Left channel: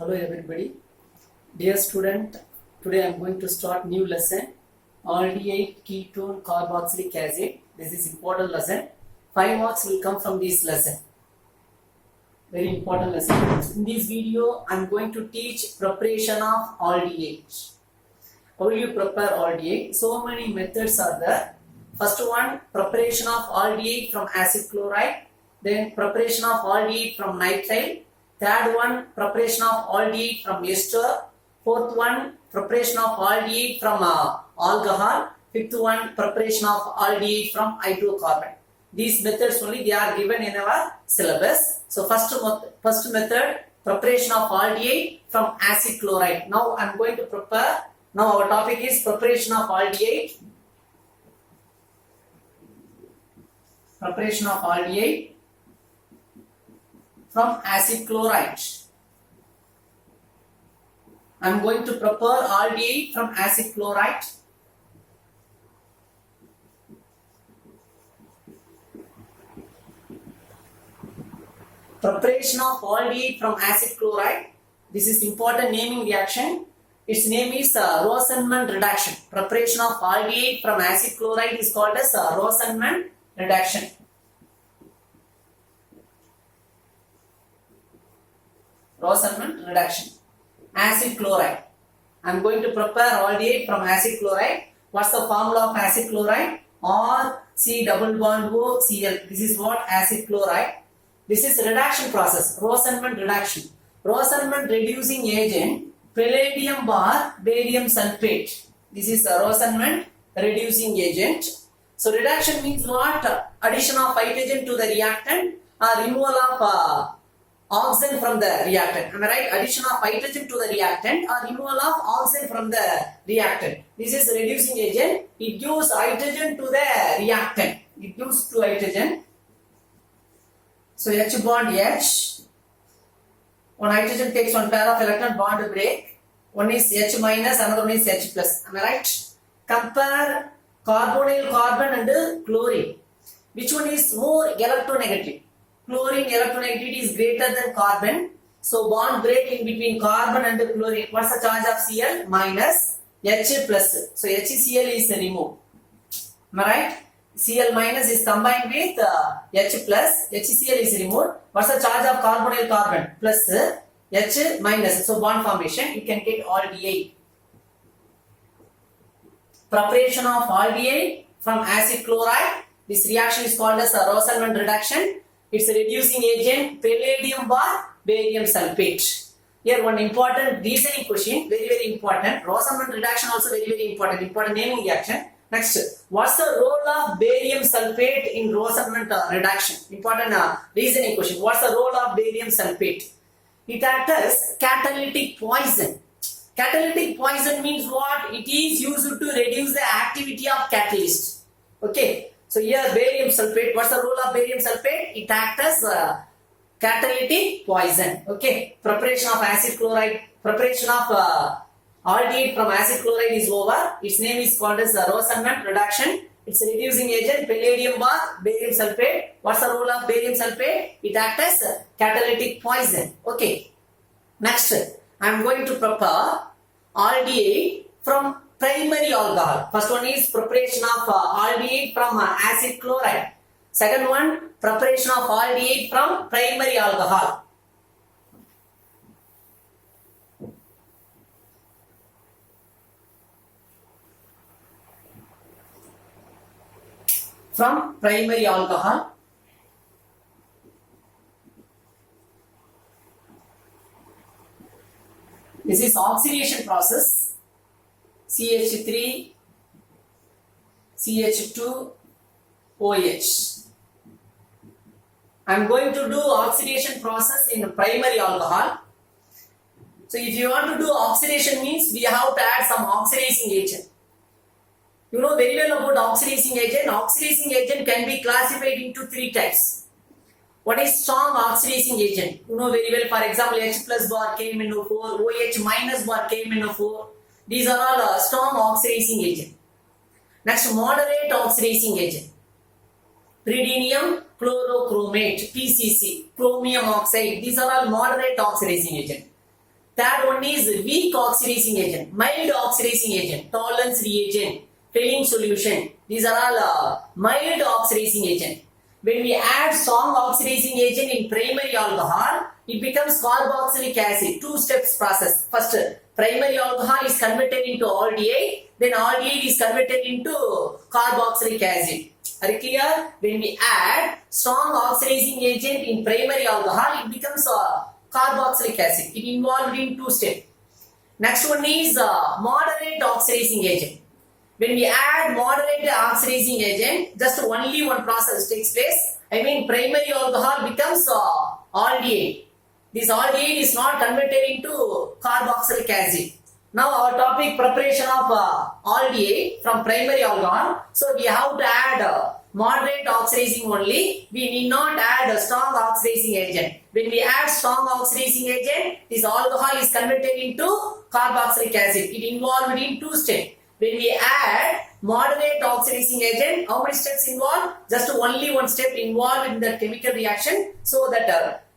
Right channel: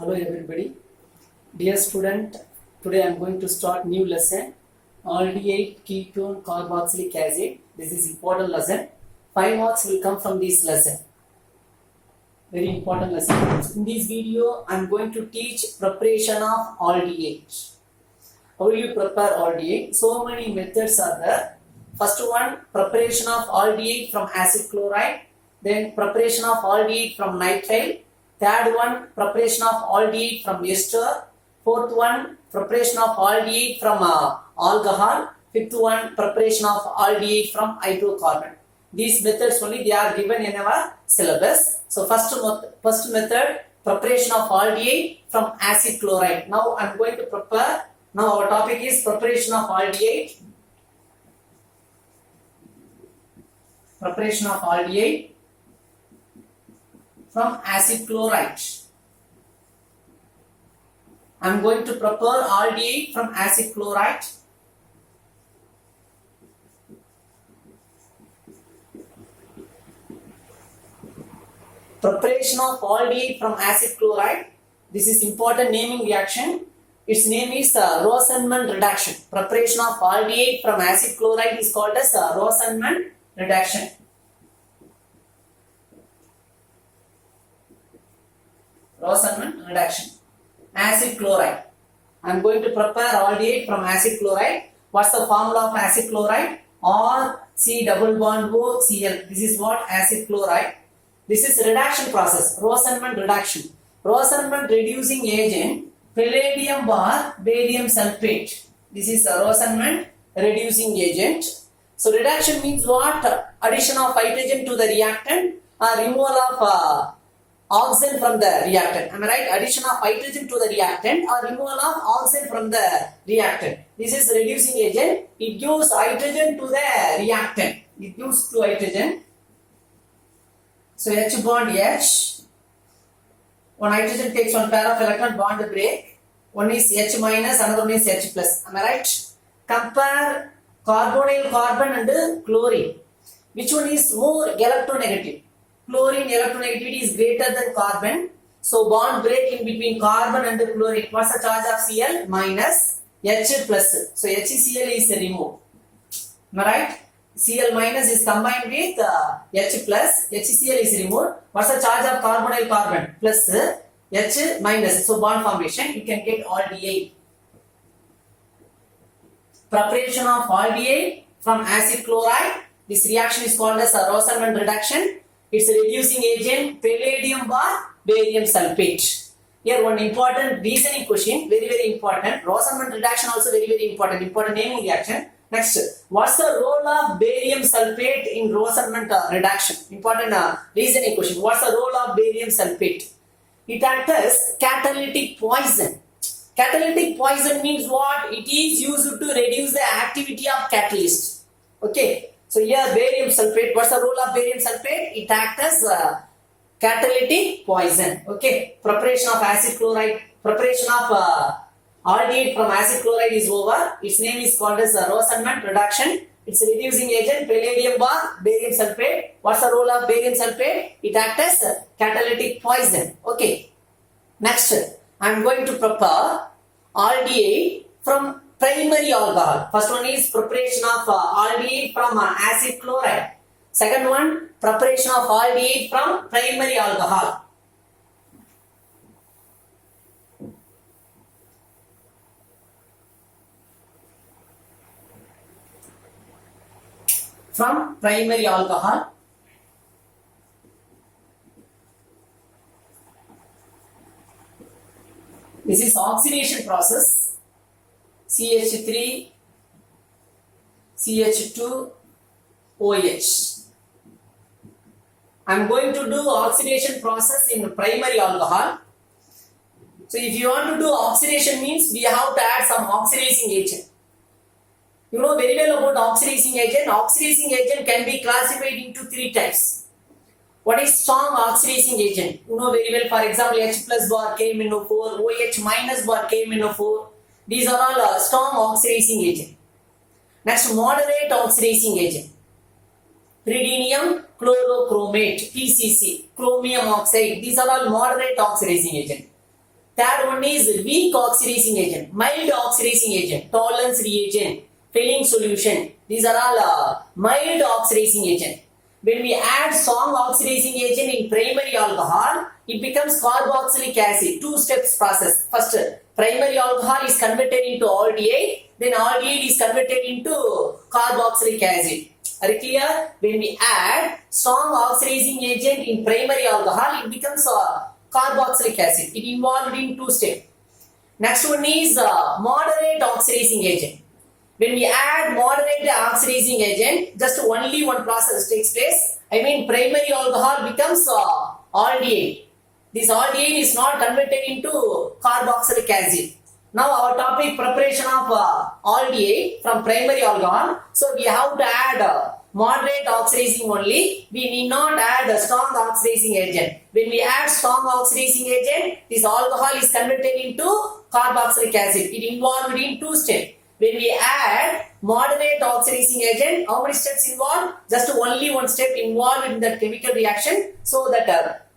Hello everybody. Dear student, today I am going to start new lesson aldehyde ketone carboxylic acid. This is important lesson. 5 marks will come from this lesson. Very important lesson. In this video I am going to teach preparation of aldehyde. How will you prepare aldehyde? So many methods are there. First one, preparation of aldehyde from acid chloride. Then preparation of aldehyde from nitrile. Third one, preparation of aldehyde from ester. Fourth one, preparation of aldehyde from alcohol. Fifth one, preparation of aldehyde from hydrocarbon. These methods only they are given in our syllabus. So first method, preparation of aldehyde from acid chloride. Now I am going to prepare. Now our topic is preparation of aldehyde. Preparation of aldehyde from acid chloride. I am going to prepare aldehyde from acid chloride. Preparation of aldehyde from acid chloride. This is important naming reaction. Its name is Rosenman reduction. Preparation of aldehyde from acid chloride is called as Rosenman reduction. Rosenman reduction. Acid chloride. I am going to prepare aldehyde from acid chloride. What's the formula of acid chloride? RC double bond O Cl. This is what acid chloride. This is reduction process. Rosenman reduction. Rosenman reducing agent. Palladium bar barium sulfate. This is a Rosenman reducing agent. So reduction means what? Addition of hydrogen to the reactant or removal of oxygen from the reactant. Am I right? Addition of hydrogen to the reactant or removal of oxygen from the reactant. This is reducing agent. It gives hydrogen to the reactant. It gives two hydrogen. So H bond H. One hydrogen takes one pair of electron, bond break. One is H minus, another one is H plus. Am I right? Compare carbonyl carbon and chlorine. Which one is more electronegative? Chlorine electronegativity is greater than carbon. So bond break in between carbon and chlorine. What's the charge of Cl? Minus H plus. So HCl is removed. Am I right? Cl minus is combined with H plus. HCl is removed. What's the charge of carbonyl carbon? Plus H minus. So bond formation. You can get aldehyde. Preparation of aldehyde from acid chloride. This reaction is called as a Rosenman reduction. It's a reducing agent, palladium bar barium sulfate. Here one important reasoning question, very important. Rosenman reduction also very important naming reaction. Next, what's the role of barium sulfate in Rosenman reduction? Important reasoning question. What's the role of barium sulfate? It acts as catalytic poison. Catalytic poison means what? It is used to reduce the activity of catalyst. Okay. So here barium sulfate, what's the role of barium sulfate? It acts as catalytic poison. Okay, preparation of acid chloride, preparation of aldehyde from acid chloride is over. Its name is called as Rosenman reduction. It's a reducing agent, palladium bar barium sulfate. What's the role of barium sulfate? It acts as catalytic poison. Okay, next I am going to prepare aldehyde from primary alcohol. First one is preparation of aldehyde from acid chloride. Second one, preparation of aldehyde from primary alcohol. From primary alcohol. This is oxidation process. CH3, CH2, OH. I am going to do oxidation process in primary alcohol. So if you want to do oxidation means we have to add some oxidizing agent. You know very well about oxidizing agent. Oxidizing agent can be classified into 3 types. What is strong oxidizing agent? You know very well, for example, H plus bar KMnO4, OH minus bar KMnO4. These are all strong oxidizing agent. Next, moderate oxidizing agent. Pyridinium chlorochromate, PCC, chromium oxide. These are all moderate oxidizing agent. Third one is weak oxidizing agent, mild oxidizing agent, tolerance reagent, filling solution. These are all mild oxidizing agent. When we add strong oxidizing agent in primary alcohol, it becomes carboxylic acid. Two steps process. First, primary alcohol is converted into aldehyde, then aldehyde is converted into carboxylic acid. Are you clear? When we add strong oxidizing agent in primary alcohol, it becomes carboxylic acid. It involved in two steps. Next one is moderate oxidizing agent. When we add moderate oxidizing agent, just only one process takes place. I mean, primary alcohol becomes aldehyde. This aldehyde is not converted into carboxylic acid. Now our topic, preparation of aldehyde from primary alcohol. So we have to add moderate oxidizing only. We need not add a strong oxidizing agent. When we add strong oxidizing agent, this alcohol is converted into carboxylic acid. It involved in two steps. When we add moderate oxidizing agent, how many steps involved? Just only one step involved in the chemical reaction. So that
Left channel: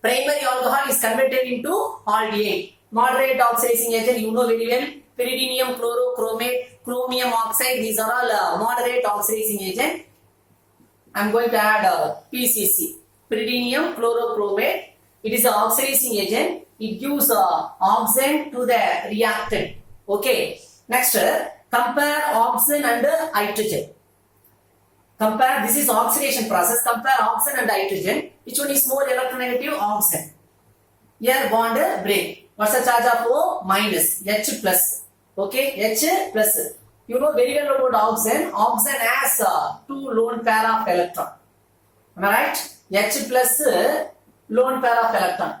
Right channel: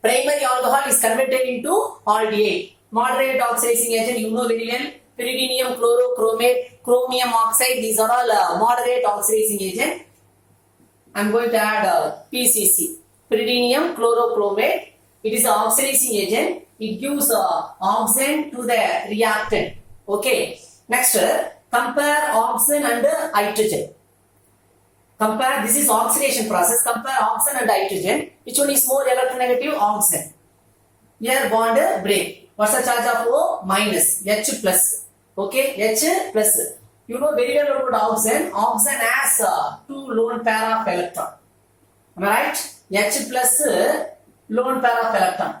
primary alcohol is converted into aldehyde. Moderate oxidizing agent, you know very well. Pyridinium chlorochromate, chromium oxide, these are all moderate oxidizing agent. I am going to add PCC, pyridinium chlorochromate. It is an oxidizing agent. It gives oxygen to the reactant. Okay. Next, compare oxygen and hydrogen. Compare, this is oxidation process. Compare oxygen and hydrogen. Which one is more electronegative? Oxygen. Here bond break. What's the charge of O? Minus. H plus. Okay, H plus. You know very well about oxygen. Oxygen has two lone pair of electron. Am I right? H plus lone pair of electron.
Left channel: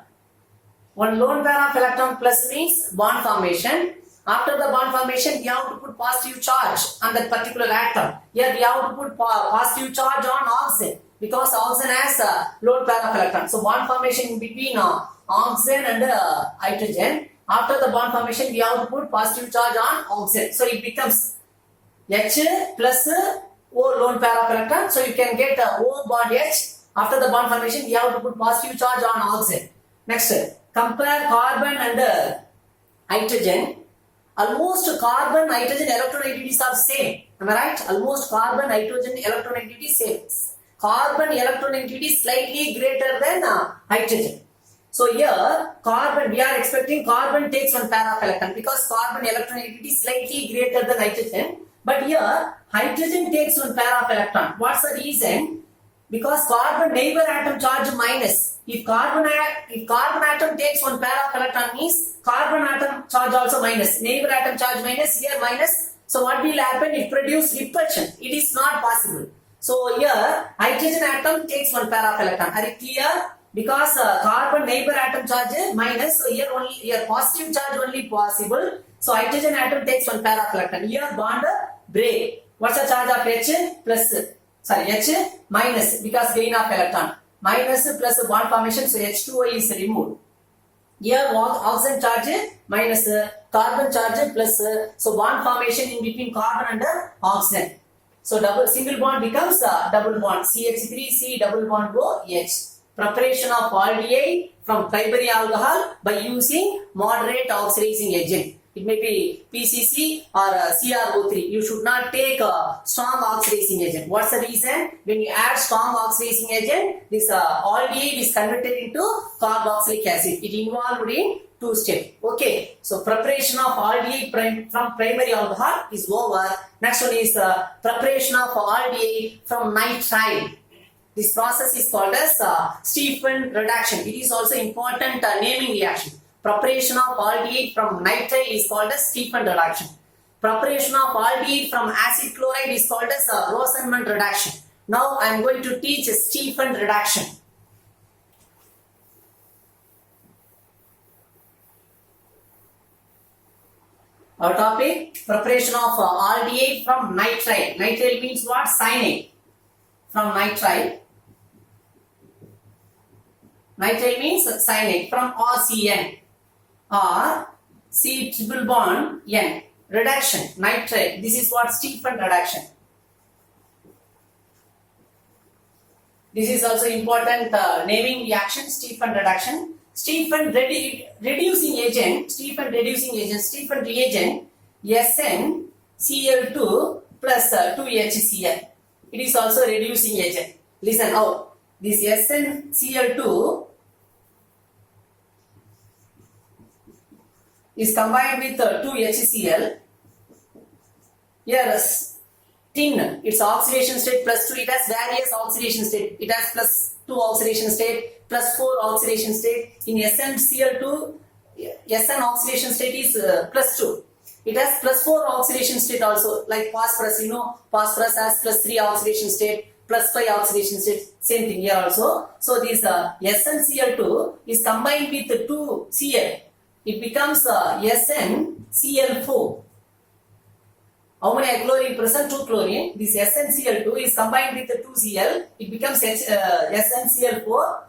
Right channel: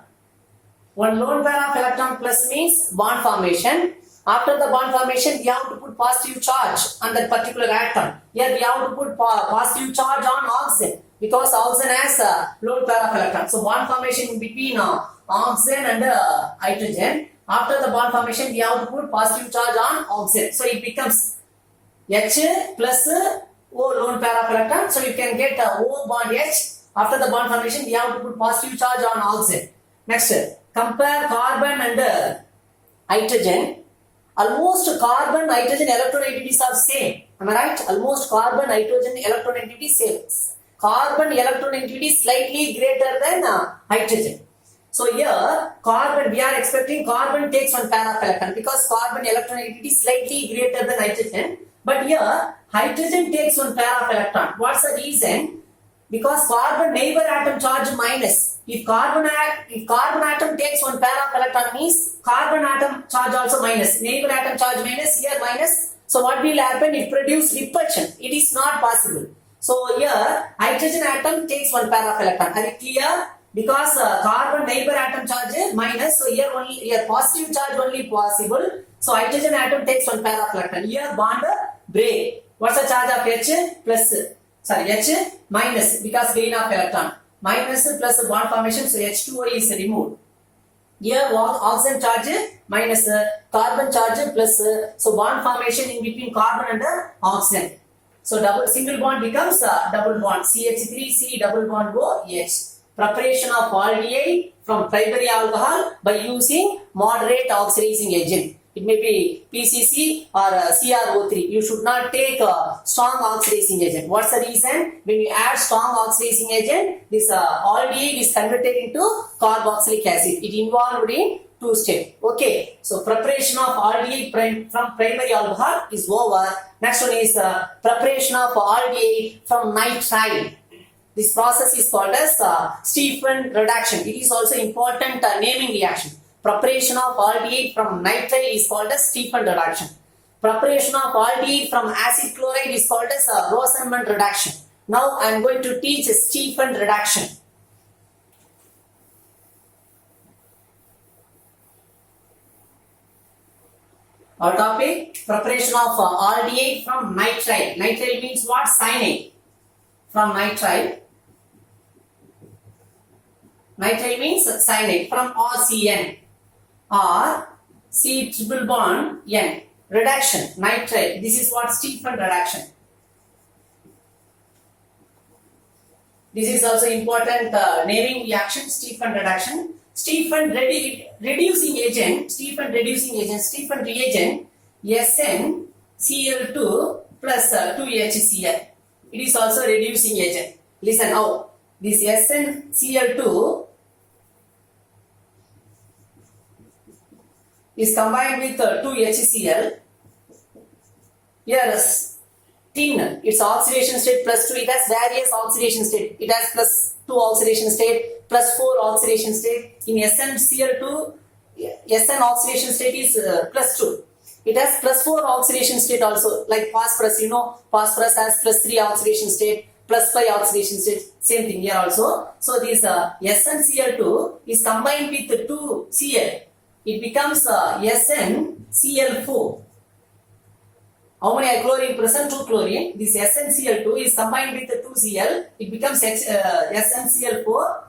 One lone pair of electron plus means bond formation. After the bond formation, we have to put positive charge on that particular atom. Here we have to put positive charge on oxygen because oxygen has a lone pair of electron. So bond formation in between oxygen and hydrogen. After the bond formation, we have to put positive charge on oxygen. So it becomes H plus O lone pair of electron. So you can get O bond H. After the bond formation, we have to put positive charge on oxygen. Next, compare carbon and hydrogen. Almost carbon hydrogen electronegativities are same. Am I right? Almost carbon hydrogen electronegativity same. Carbon electronegativity is slightly greater than hydrogen. So here carbon, we are expecting carbon takes one pair of electron because carbon electronegativity is slightly greater than hydrogen. But here hydrogen takes one pair of electron. What's the reason? Because carbon neighbor atom charge minus. If carbon atom takes one pair of electron means carbon atom charge also minus. Neighbor atom charge minus, here minus. So what will happen? It produce repulsion. It is not possible. So here hydrogen atom takes one pair of electron. Are you clear? Because carbon neighbor atom charge minus. So here positive charge only possible. So hydrogen atom takes one pair of electron. Here bond break. What's the charge of H plus? Sorry, H minus because gain of electron. Minus plus bond formation, so H2O is removed. Here oxygen charge minus carbon charge plus, so bond formation in between carbon and oxygen. So single bond becomes double bond, CH3C double bond OH. Preparation of aldehyde from primary alcohol by using moderate oxidizing agent. It may be PCC or CrO3. You should not take a strong oxidizing agent. What's the reason? When you add strong oxidizing agent, this aldehyde is converted into carboxylic acid. It involved in two steps. Okay. So preparation of aldehyde from primary alcohol is over. Next one is preparation of aldehyde from nitrile. This process is called as Stephan reduction. It is also important naming reaction. Preparation of aldehyde from nitrile is called as Stephan reduction. Preparation of aldehyde from acid chloride is called as Rosenmund reduction. Now I am going to teach Stephan reduction. Our topic, preparation of aldehyde from nitrile. Nitrile means what? Cyanide. From nitrile. Nitrile means cyanide from RCN. Or C triple bond N. Reduction, nitrile. This is what Stephan reduction. This is also important naming reaction, Stephan reduction. Stephen reducing agent, Stephen reagent SnCl2 plus 2HCl. It is also reducing agent. Listen now, this SnCl2 is combined with 2HCl. Here tin, its oxidation state plus 2, it has various oxidation state. It has plus 2 oxidation state, plus 4 oxidation state. In SnCl2, Sn oxidation state is plus 2. It has plus 4 oxidation state also, like phosphorus, phosphorus has plus 3 oxidation state, plus 5 oxidation state, same thing here also. So this SnCl2 is combined with 2Cl. It becomes SnCl4. How many chlorine present? 2 chlorine. This SnCl2 is combined with 2Cl. It becomes SnCl4,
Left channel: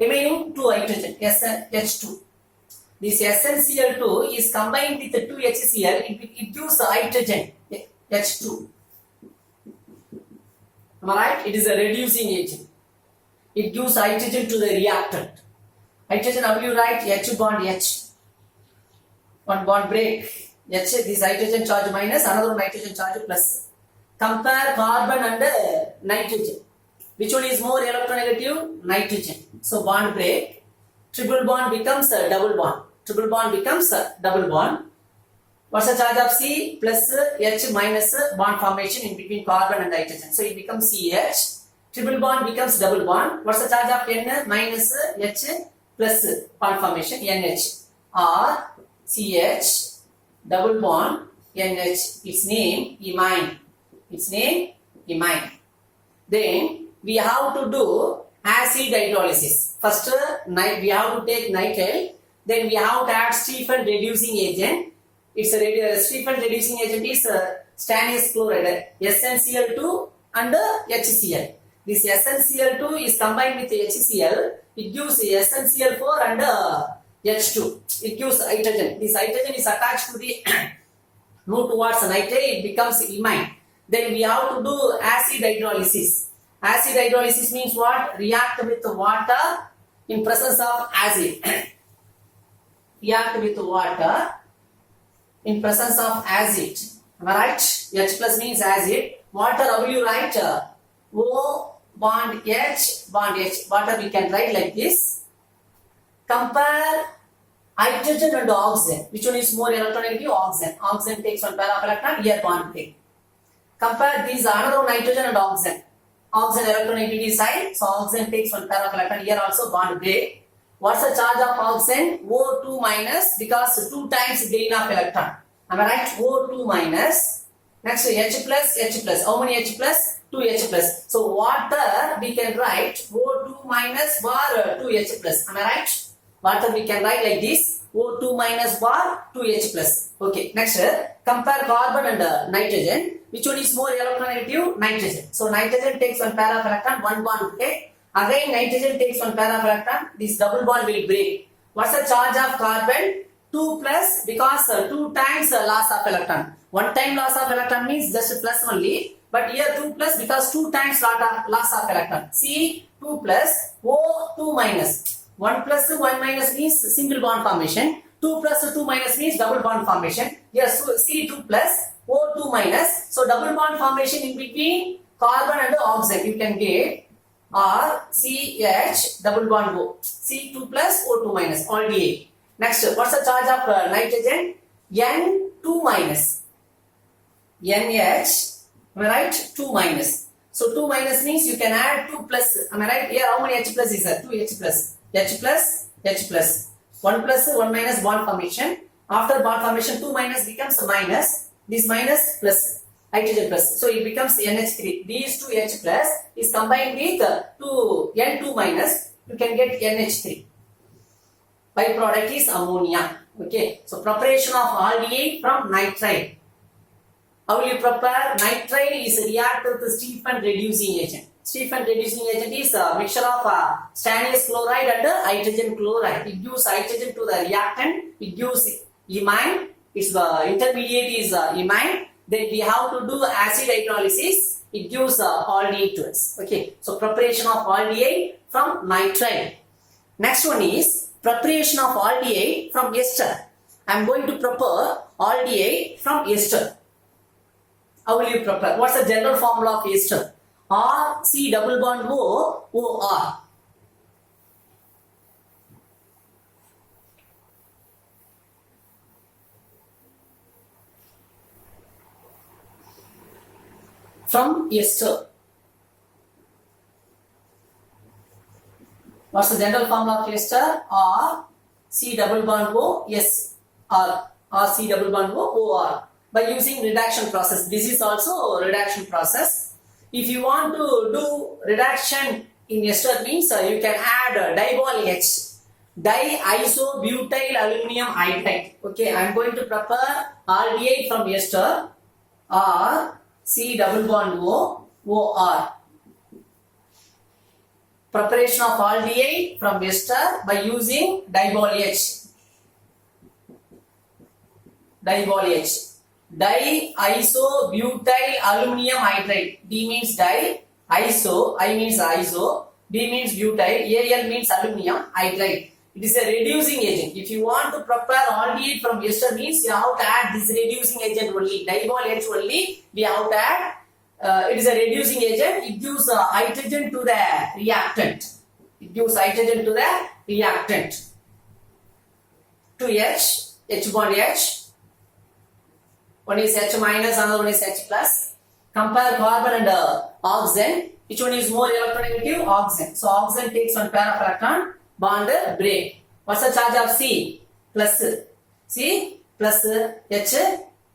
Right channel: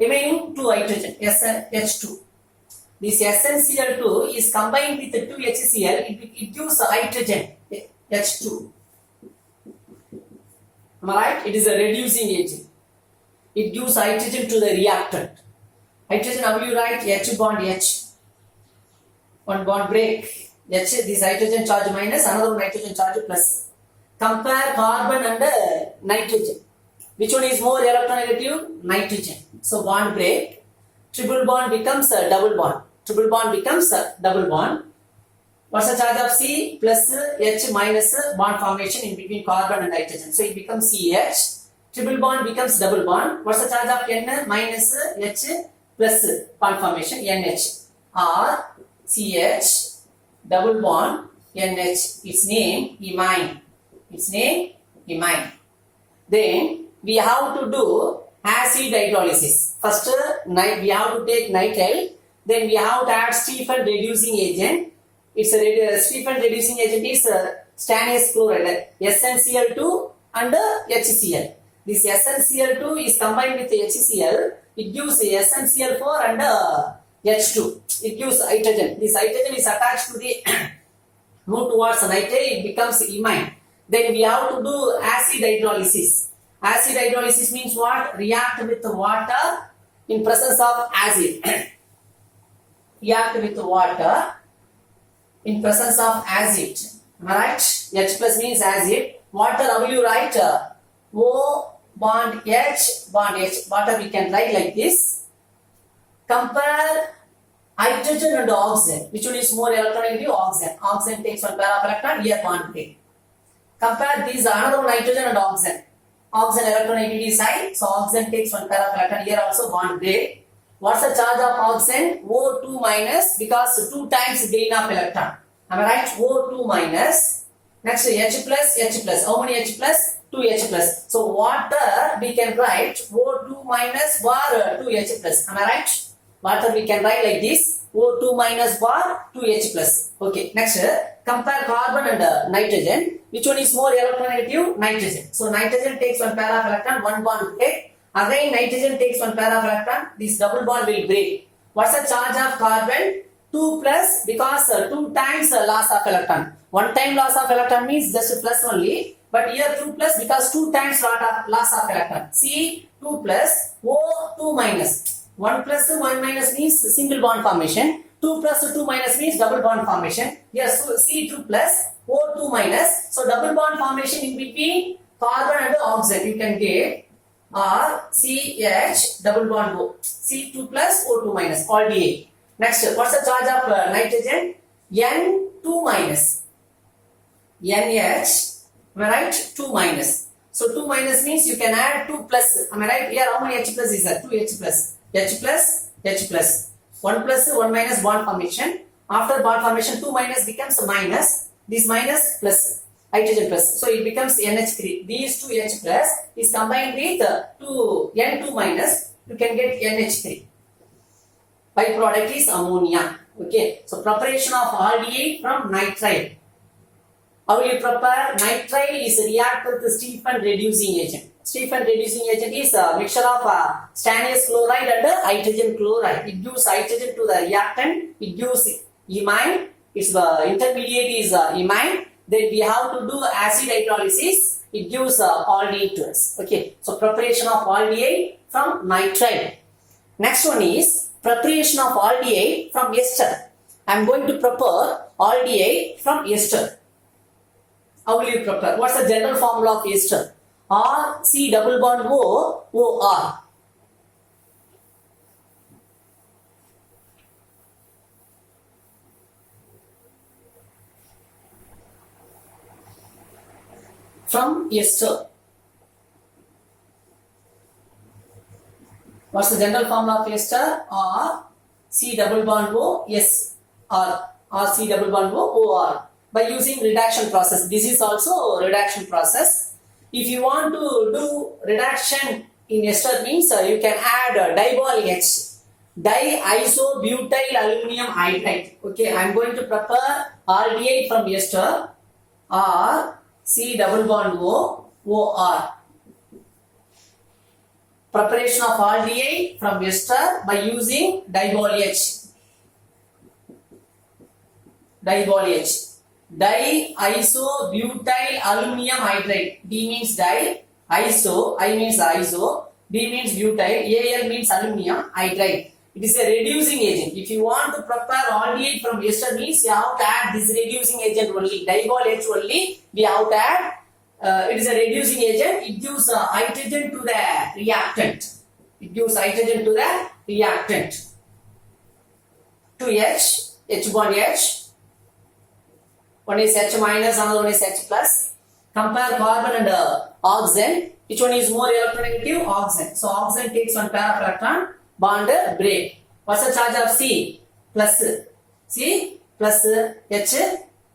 remaining 2 hydrogen, H2. This SnCl2 is combined with 2HCl. It gives hydrogen, H2. Am I right? It is a reducing agent. It gives hydrogen to the reactant. Hydrogen, how will you write? H bond H. One bond break. H, this hydrogen charge minus, another nitrogen charge plus. Compare carbon and nitrogen. Which one is more electronegative? Nitrogen. So bond break. Triple bond becomes a double bond. Triple bond becomes a double bond. What's the charge of C? Plus H minus bond formation in between carbon and nitrogen. So it becomes CH. Triple bond becomes double bond. What's the charge of N? Minus H plus bond formation NH. Or CH double bond NH. Its name imine. Then we have to do acid hydrolysis. First we have to take nitrile. Then we have to add Stephen reducing agent. It's a Stephen reducing agent is stannous chloride, SnCl2 and HCl. This SnCl2 is combined with HCl. It gives SnCl4 and H2. It gives hydrogen. This hydrogen is attached to the move towards nitrate. It becomes imine. Then we have to do acid hydrolysis. Acid hydrolysis means what? React with water in presence of acid. React with water in presence of acid. Am I right? H plus means acid. Water, how will you write? O bond H bond H. Water we can write like this. Compare hydrogen and oxygen. Which one is more electronegative? Oxygen. Oxygen takes one pair of electron. Here bond break. Compare these another nitrogen and oxygen. Oxygen electronegativity is high, so oxygen takes one pair of electron. Here also bond break. What's the charge of oxygen? O2 minus, because 2 times gain of electron. Am I right? O2 minus. Next H plus, H plus. How many H plus? 2H plus. So water we can write O2 minus bar 2H plus. Am I right? Water we can write like this. O2 minus bar 2H plus. Okay. Next, compare carbon and nitrogen. Which one is more electronegative? Nitrogen. So nitrogen takes one pair of electron, one bond to take. Again nitrogen takes one pair of electron. This double bond will break. What's the charge of carbon? 2 plus, because 2 times loss of electron. 1 time loss of electron means just plus only. But here 2 plus, because 2 times loss of electron. C 2 plus, O 2 minus. 1 plus 1 minus means single bond formation. 2 plus 2 minus means double bond formation. Here C2 plus, O2 minus. So double bond formation in between carbon and oxygen you can get. Or CH double bond O. C2 plus O2 minus, aldehyde. Next, what's the charge of nitrogen? N2 minus. NH, am I right? 2 minus. So 2 minus means you can add 2 plus. Am I right? Here how many H plus is that? 2 H plus. H plus, H plus. 1 plus, 1 minus bond formation. After bond formation, 2 minus becomes minus. This minus plus. Hydrogen plus. So it becomes NH3. These 2 H plus is combined with 2 N2 minus. You can get NH3. Byproduct is ammonia. Okay. So preparation of aldehyde from nitrile. How will you prepare? Nitrile is a reactant with Stephen reducing agent. Stephen reducing agent is a mixture of stannous chloride and hydrogen chloride. It gives hydrogen to the reactant. It gives imine. Its intermediate is imine. Then we have to do acid hydrolysis. It gives aldehyde to us. Okay. So preparation of aldehyde from nitrile. Next one is preparation of aldehyde from ester. I am going to prepare aldehyde from ester. How will you prepare? What's the general formula of ester? R C double bond O O R. From ester. What's the general formula of ester? R C double bond O S R. R C double bond O O R. By using reduction process. This is also a reduction process. If you want to do reduction in ester means you can add dibol H. Diisobutyl aluminum hydride. Okay, I am going to prepare aldehyde from ester. R C double bond O O R. Preparation of aldehyde from ester by using dibol H. Dibol H. Diisobutyl aluminum hydride. D means di, iso, I means iso, B means butyl, Al means aluminum hydride. It is a reducing agent. If you want to prepare aldehyde from ester means you have to add this reducing agent only. Dibol H only we have to add. It is a reducing agent. It gives hydrogen to the reactant. It gives hydrogen to the reactant. 2H, H bond H. One is H minus, another one is H plus. Compare carbon and oxygen. Which one is more electronegative? Oxygen. So oxygen takes one pair of electron, bond break. What's the charge of C? Plus. C plus H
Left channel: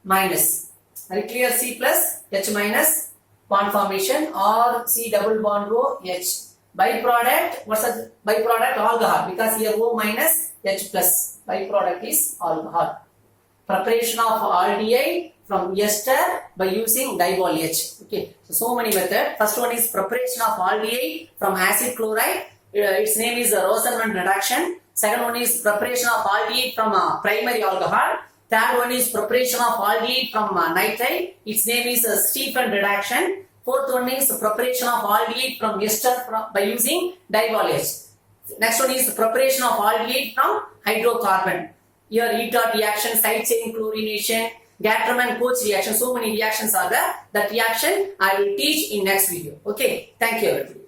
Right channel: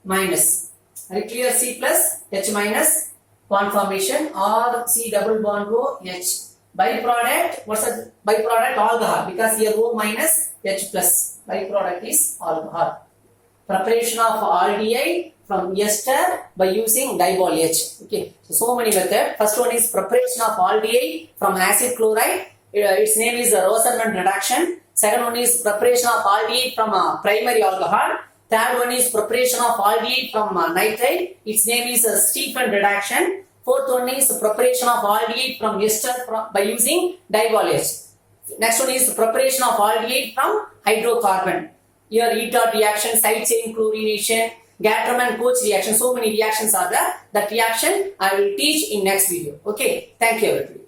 minus. Are you clear? C plus H minus bond formation or C double bond O H. Byproduct. What's the byproduct? Alcohol. Because here O minus H plus. Byproduct is alcohol. Preparation of aldehyde from ester by using dibol H. Okay, so many methods. First one is preparation of aldehyde from acid chloride. Its name is Rosenman reduction. Second one is preparation of aldehyde from primary alcohol. Third one is preparation of aldehyde from nitrite. Its name is Stephan reduction. Fourth one is preparation of aldehyde from ester by using dibol H. Next one is preparation of aldehyde from hydrocarbon. Here ETOT reaction, side chain chlorination, Gatram and Koch reaction. So many reactions are there. That reaction I will teach in next video. Okay. Thank you everybody.